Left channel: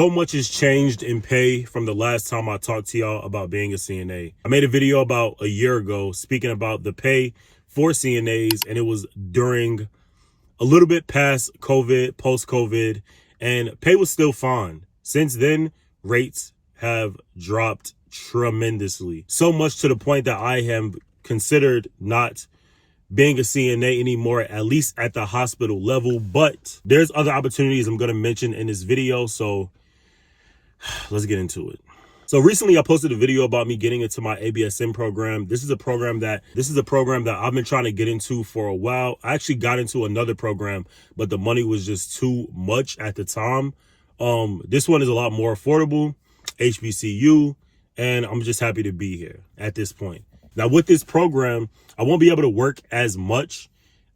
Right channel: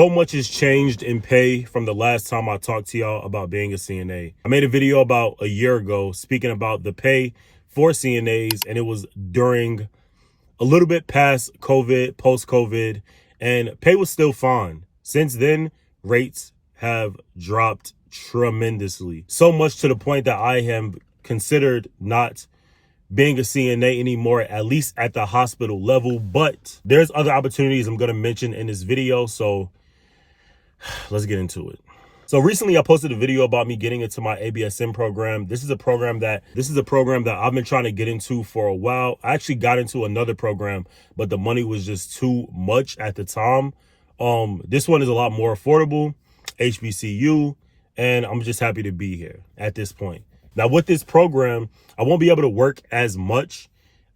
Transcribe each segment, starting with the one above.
So much has changed in pay from the last time I talked to y'all about being a CNA. I made a video about a year ago speaking about the pay for CNAs, and it was during a little bit past COVID, post-COVID, and pay was still fine. Since then, rates have dropped tremendously. So much to the point that I am considered not being a CNA anymore, at least at the hospital level. But there's other opportunities I'm going to mention in this video, so let's get into it. So recently I posted a video about me getting into my ABSN program. This is a program that I've been trying to get into for a while. I actually got into another program, but the money was just too much at the time. This one is a lot more affordable, HBCU, and I'm just happy to be here at this point. Now with this program, I won't be able to work as much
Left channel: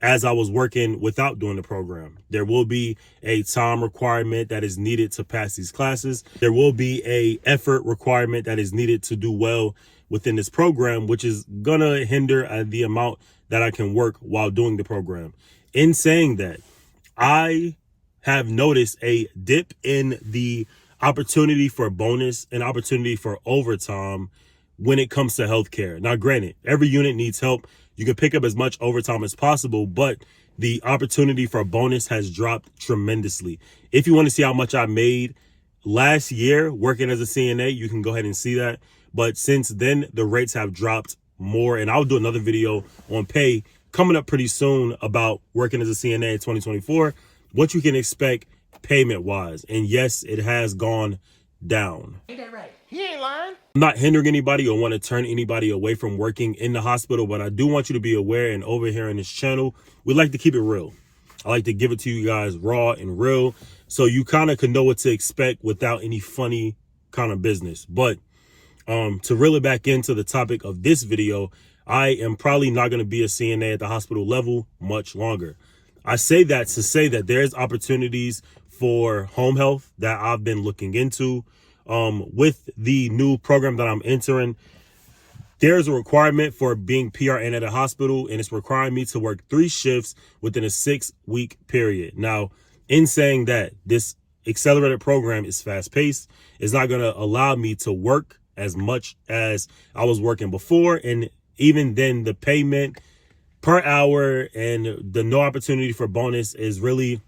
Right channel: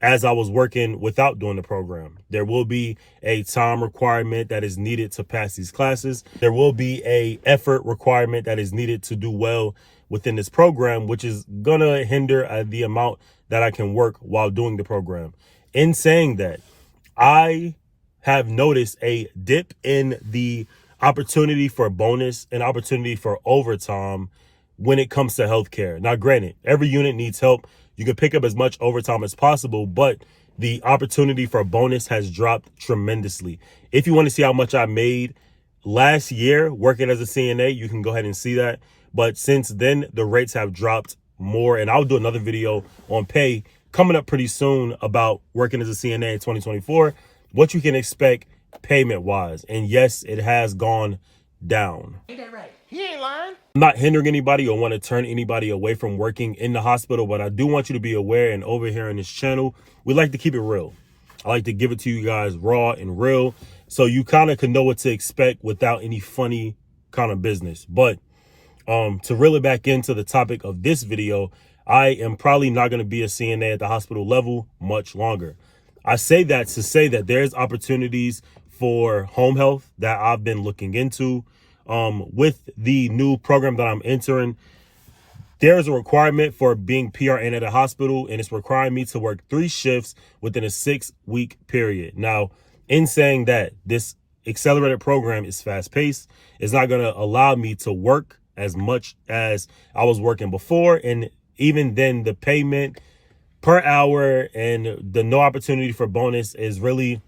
as I was working without doing the program. There will be a time requirement that is needed to pass these classes. There will be a effort requirement that is needed to do well within this program, which is gonna hinder the amount that I can work while doing the program. In saying that, I have noticed a dip in the opportunity for bonus and opportunity for overtime when it comes to healthcare. Now, granted, every unit needs help. You can pick up as much overtime as possible, but the opportunity for bonus has dropped tremendously. If you want to see how much I made last year working as a CNA, you can go ahead and see that. But since then, the rates have dropped more, and I'll do another video on pay coming up pretty soon about working as a CNA in 2024, what you can expect payment-wise. And yes, it has gone down. Ain't that right? He ain't lying. I'm not hindering anybody or want to turn anybody away from working in the hospital, but I do want you to be aware, and over here on this channel, we like to keep it real. I like to give it to you guys raw and real, so you kind of can know what to expect without any funny kind of business. But to reel it back into the topic of this video, I am probably not going to be a CNA at the hospital level much longer. I say that to say that there's opportunities for home health that I've been looking into. With the new program that I'm entering, there's a requirement for being PRN at a hospital, and it's requiring me to work 3 shifts within a 6-week period. Now, in saying that, this accelerated program is fast-paced. It's not going to allow me to work as much as I was working before, and even then, the payment per hour and the no opportunity for bonus is really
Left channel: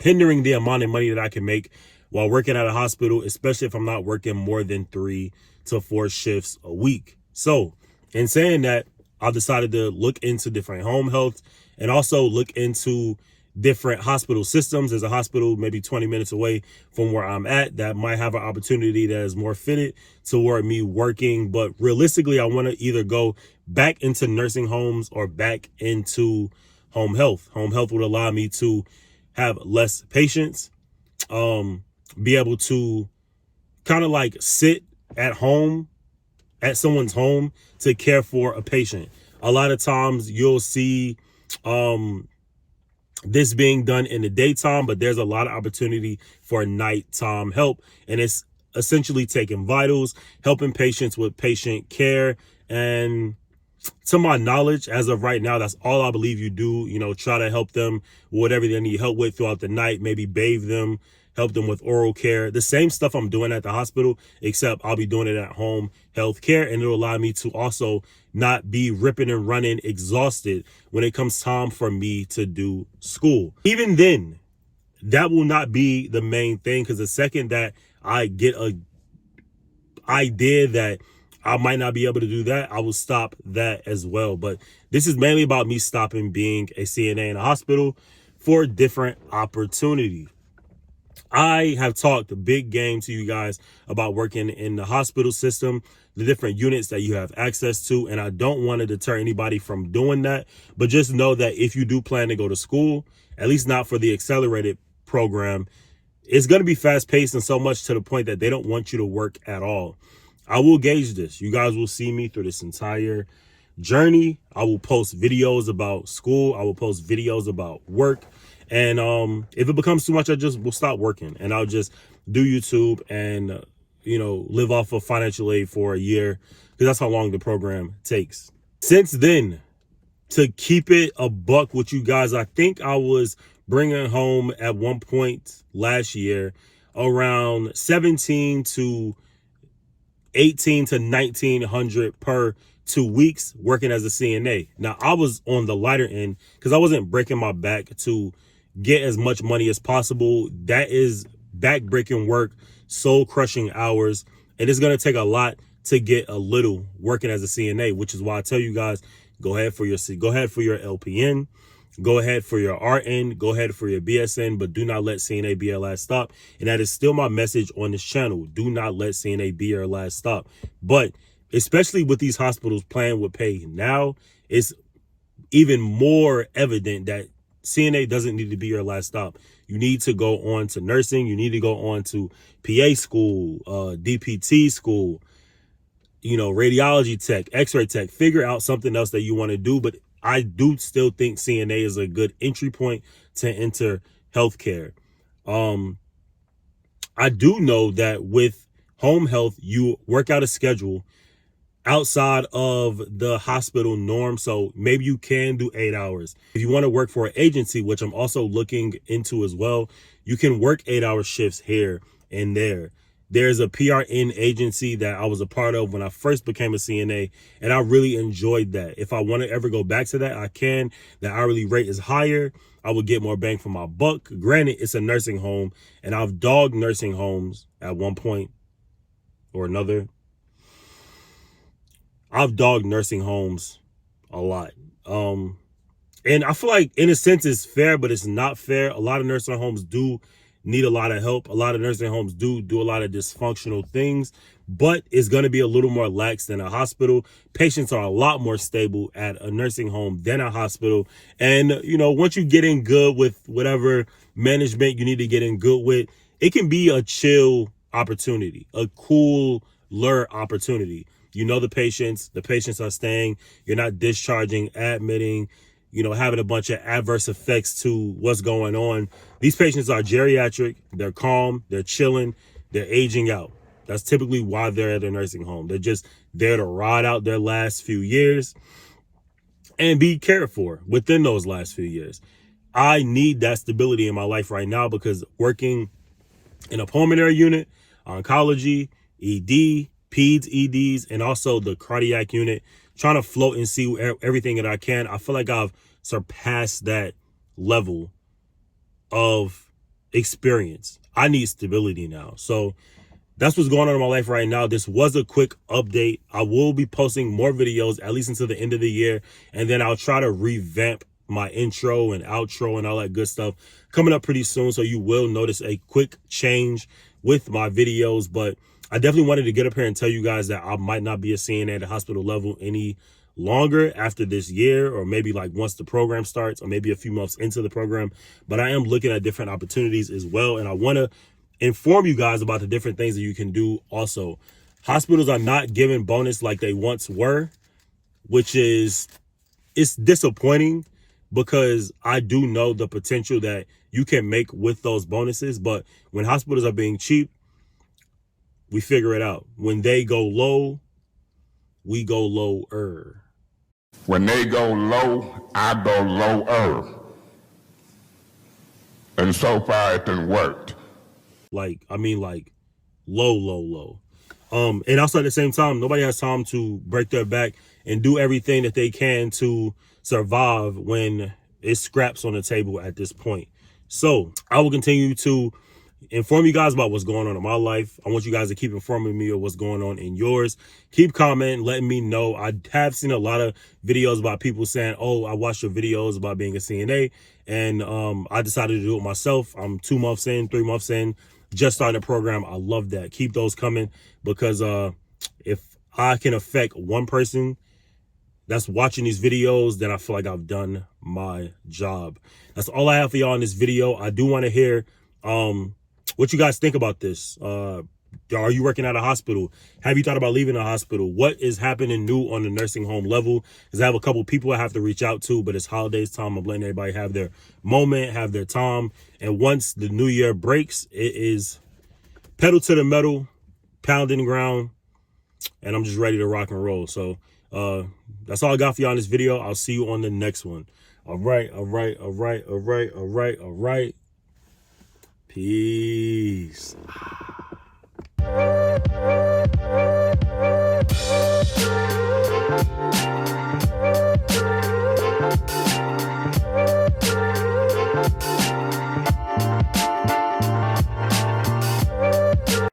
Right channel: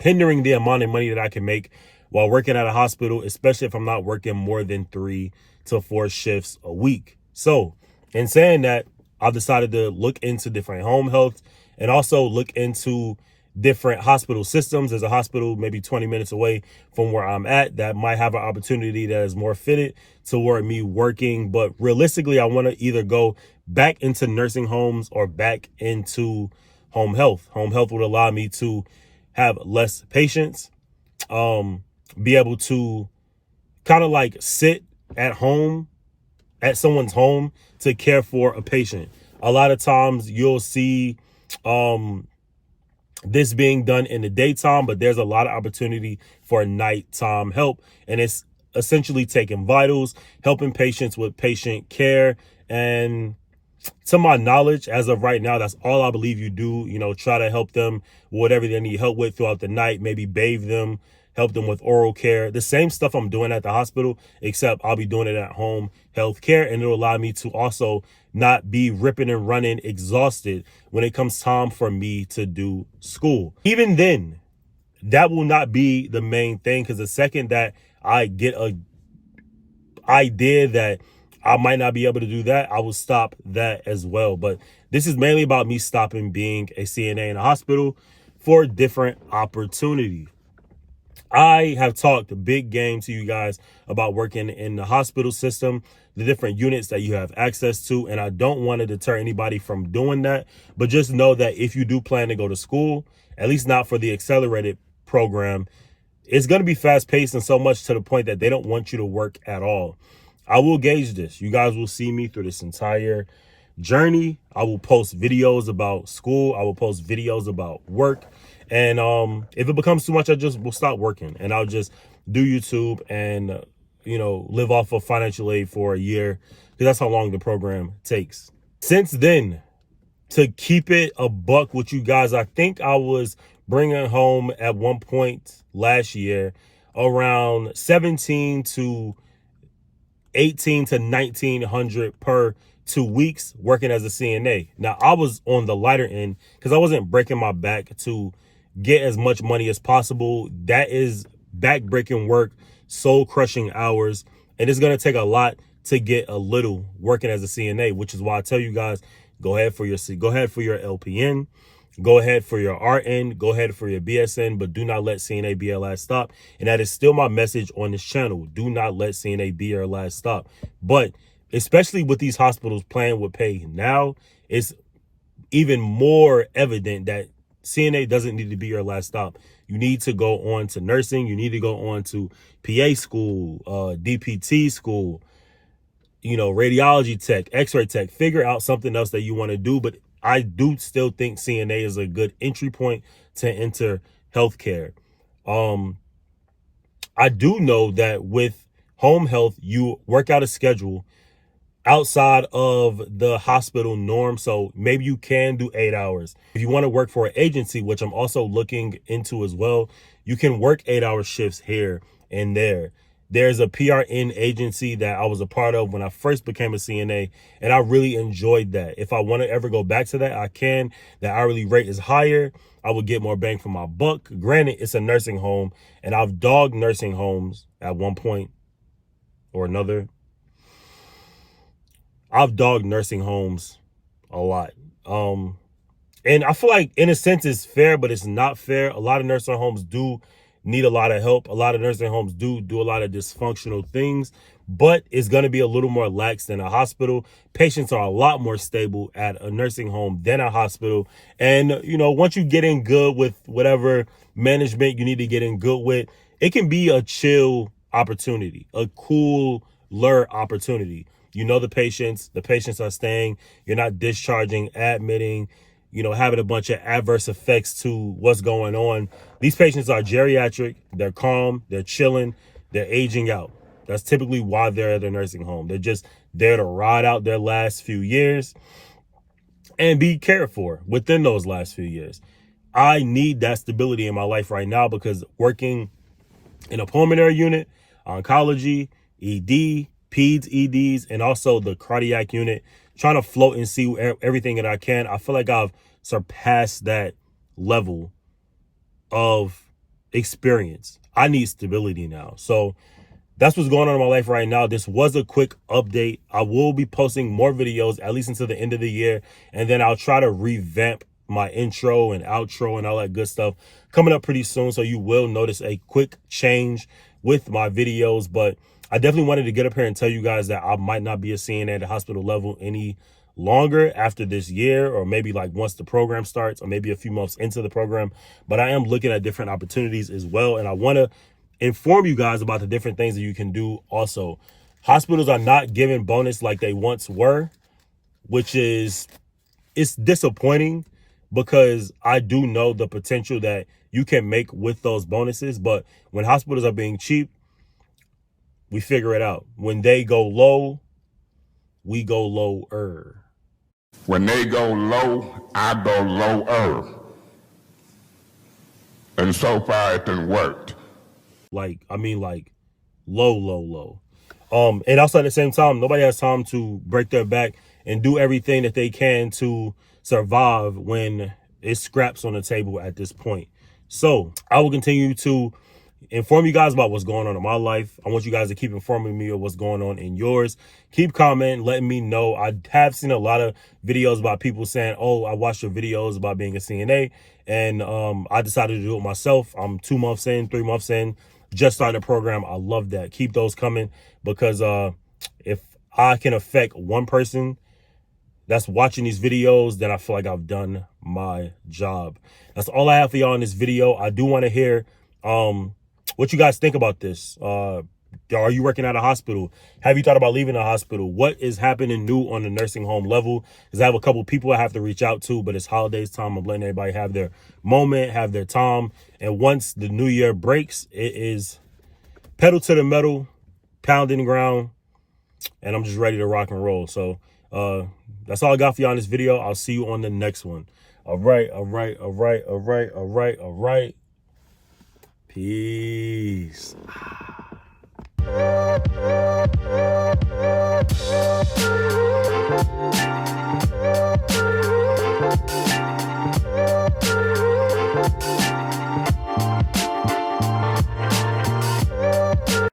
hindering the amount of money that I can make while working at a hospital, especially if I'm not working more than 3 to 4 shifts a week. So in saying that, I've decided to look into different home health and also look into different hospital systems. There's a hospital maybe 20 minutes away from where I'm at that might have an opportunity that is more fitted toward me working. But realistically, I want to either go back into nursing homes or back into home health. Home health would allow me to have less patients, be able to kind of like sit at home, at someone's home to care for a patient. A lot of times you'll see this being done in the daytime, but there's a lot of opportunity for nighttime help. And it's essentially taking vitals, helping patients with patient care. And to my knowledge, as of right now, that's all I believe you do. You know, try to help them with whatever they need help with throughout the night, maybe bathe them, help them with oral care. The same stuff I'm doing at the hospital, except I'll be doing it at home health care, and it'll allow me to also not be ripping and running exhausted when it comes time for me to do school. Even then, that will not be the main thing, because the second that I get a idea that I might not be able to do that, I will stop that as well. But this is mainly about me stopping being a CNA in a hospital for different opportunities. I have talked a big game to you guys about working in the hospital system, the different units that you have access to, and I don't want to deter anybody from doing that. But just know that if you do plan to go to school, at least not for the accelerated program, it's going to be fast-paced and so much to the point that they don't want you to work at all. I will gauge this. You guys will see me through this entire journey. I will post videos about school. I will post videos about work. And if it becomes too much, I just will stop working and I'll just do YouTube and, you know, live off of financial aid for a year, because that's how long the program takes. Since then, to keep it a buck with you guys, I think I was bringing home at one point last year around 17 to 18 to 1900 per 2 weeks working as a CNA. Now, I was on the lighter end because I wasn't breaking my back to get as much money as possible. That is back-breaking work, soul-crushing hours, and it's going to take a lot to get a little working as a CNA, which is why I tell you guys, go ahead for your LPN, go ahead for your RN, go ahead for your BSN, but do not let CNA be your last stop. And that is still my message on this channel. Do not let CNA be your last stop. But especially with these hospitals playing with pay now, it's even more evident that CNA doesn't need to be your last stop. You need to go on to nursing. You need to go on to PA school, DPT school, radiology tech, x-ray tech. Figure out something else that you want to do. But I do still think CNA is a good entry point to enter healthcare. I do know that with home health, you work out a schedule outside of the hospital norm. So maybe you can do 8 hours. If you want to work for an agency, which I'm also looking into as well, you can work 8-hour shifts here and there. There's a PRN agency that I was a part of when I first became a CNA, and I really enjoyed that. If I want to ever go back to that, I can. The hourly rate is higher. I would get more bang for my buck. Granted, it's a nursing home, and I've dogged nursing homes at one point or another. I've dogged nursing homes a lot. And I feel like in a sense it's fair, but it's not fair. A lot of nursing homes do need a lot of help. A lot of nursing homes do a lot of dysfunctional things, but it's going to be a little more lax than a hospital. Patients are a lot more stable at a nursing home than a hospital. And, once you get in good with whatever management you need to get in good with, it can be a chill opportunity, a cooler opportunity. The patients are staying, you're not discharging, admitting, having a bunch of adverse effects to what's going on. These patients are geriatric, they're calm, they're chilling, they're aging out. That's typically why they're at a nursing home. They're just there to ride out their last few years and be cared for within those last few years. I need that stability in my life right now because working in a pulmonary unit, oncology, ED, peds, EDs, and also the cardiac unit, trying to float and see everything that I can. I feel like I've surpassed that level of experience. I need stability now. So that's what's going on in my life right now. This was a quick update. I will be posting more videos at least until the end of the year. And then I'll try to revamp my intro and outro and all that good stuff coming up pretty soon. So you will notice a quick change with my videos. But I definitely wanted to get up here and tell you guys that I might not be a CNA at the hospital level any longer after this year, or maybe like once the program starts, or maybe a few months into the program. But I am looking at different opportunities as well. And I want to inform you guys about the different things that you can do. Also, hospitals are not giving bonus like they once were, which is, it's disappointing because I do know the potential that you can make with those bonuses. But when hospitals are being cheap, we figure it out. When they go low, we go lower. When they go low, I go lower. And so far it done worked. Like low. And also at the same time, nobody has time to break their back and do everything that they can to survive when it's scraps on the table at this point. So I will continue to inform you guys about what's going on in my life. I want you guys to keep informing me of what's going on in yours. Keep commenting, letting me know. I have seen a lot of videos about people saying, oh, I watched your videos about being a CNA, and I decided to do it myself. I'm 2 months in, 3 months in, just started the program. I love that. Keep those coming, because if I can affect one person that's watching these videos, then I feel like I've done my job. That's all I have for y'all in this video. I do want to hear what you guys think about this. Are you working at a hospital? Have you thought about leaving a hospital? What is happening new on the nursing home level? Because I have a couple people I have to reach out to, but it's holidays time. I'm letting everybody have their moment, have their time. And once the new year breaks, it is pedal to the metal, pounding the ground, and I'm just ready to rock and roll. So that's all I got for y'all in this video. I'll see you on the next one. All right. Peace.